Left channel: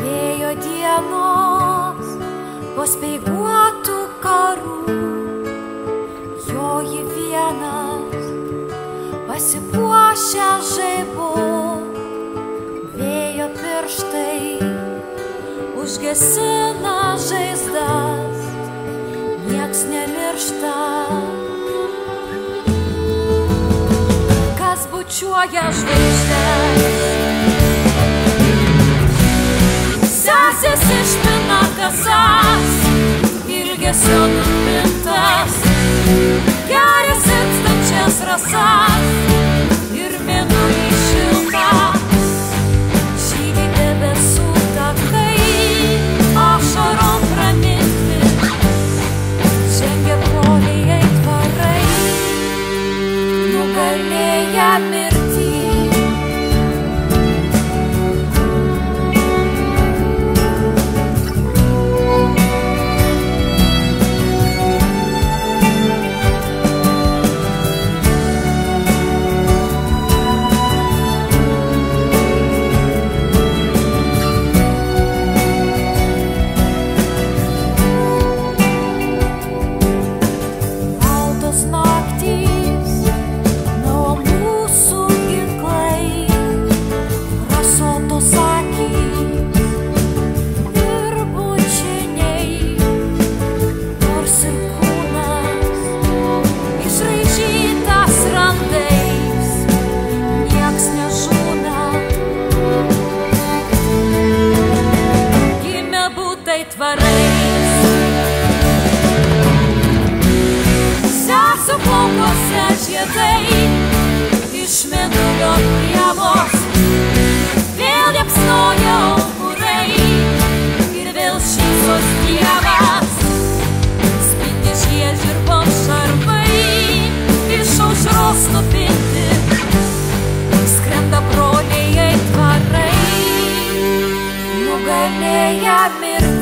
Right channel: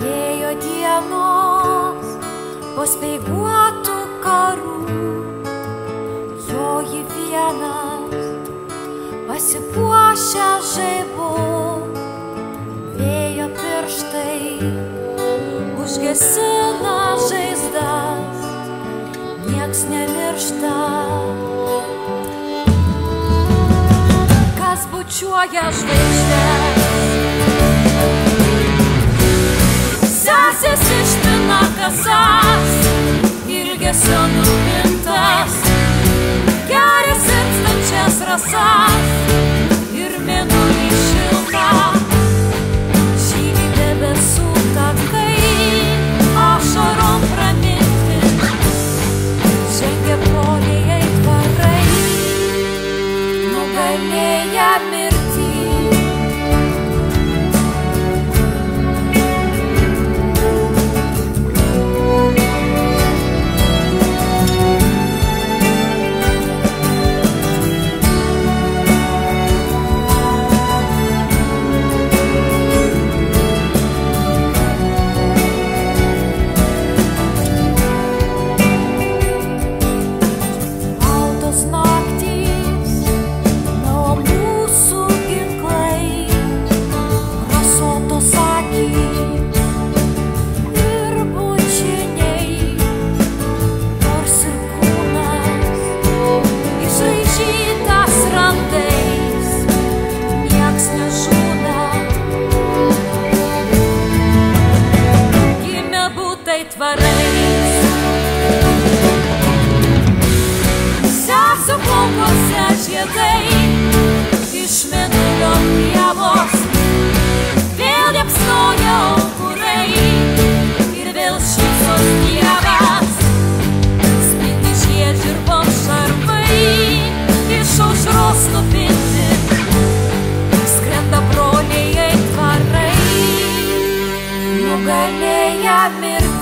Vėjo dienos po speiguotų karų, joji vienas pasipuošę žaibu. Vėjo pirštai užgesina žaizdas, nieks nemiršta. Kas bučiuoja žvaigždes, sesės išpina kasas, ilgesio nupintas, geria sirpstančias rasas ir mėnulį šiltą. Žydi debesų takai, ašarom praminti, žengia broliai aitvarai, nugalėję mirtį. Tvarais sesių plaukuose žiedai, iš mėnulio pievos vėl liepsnoja aukurai ir vėl šypsos dievas. Spindi šie žirvom šarvai, iš aušros nupinti, skrenda broliai aitvarai, nugalėję mirtį.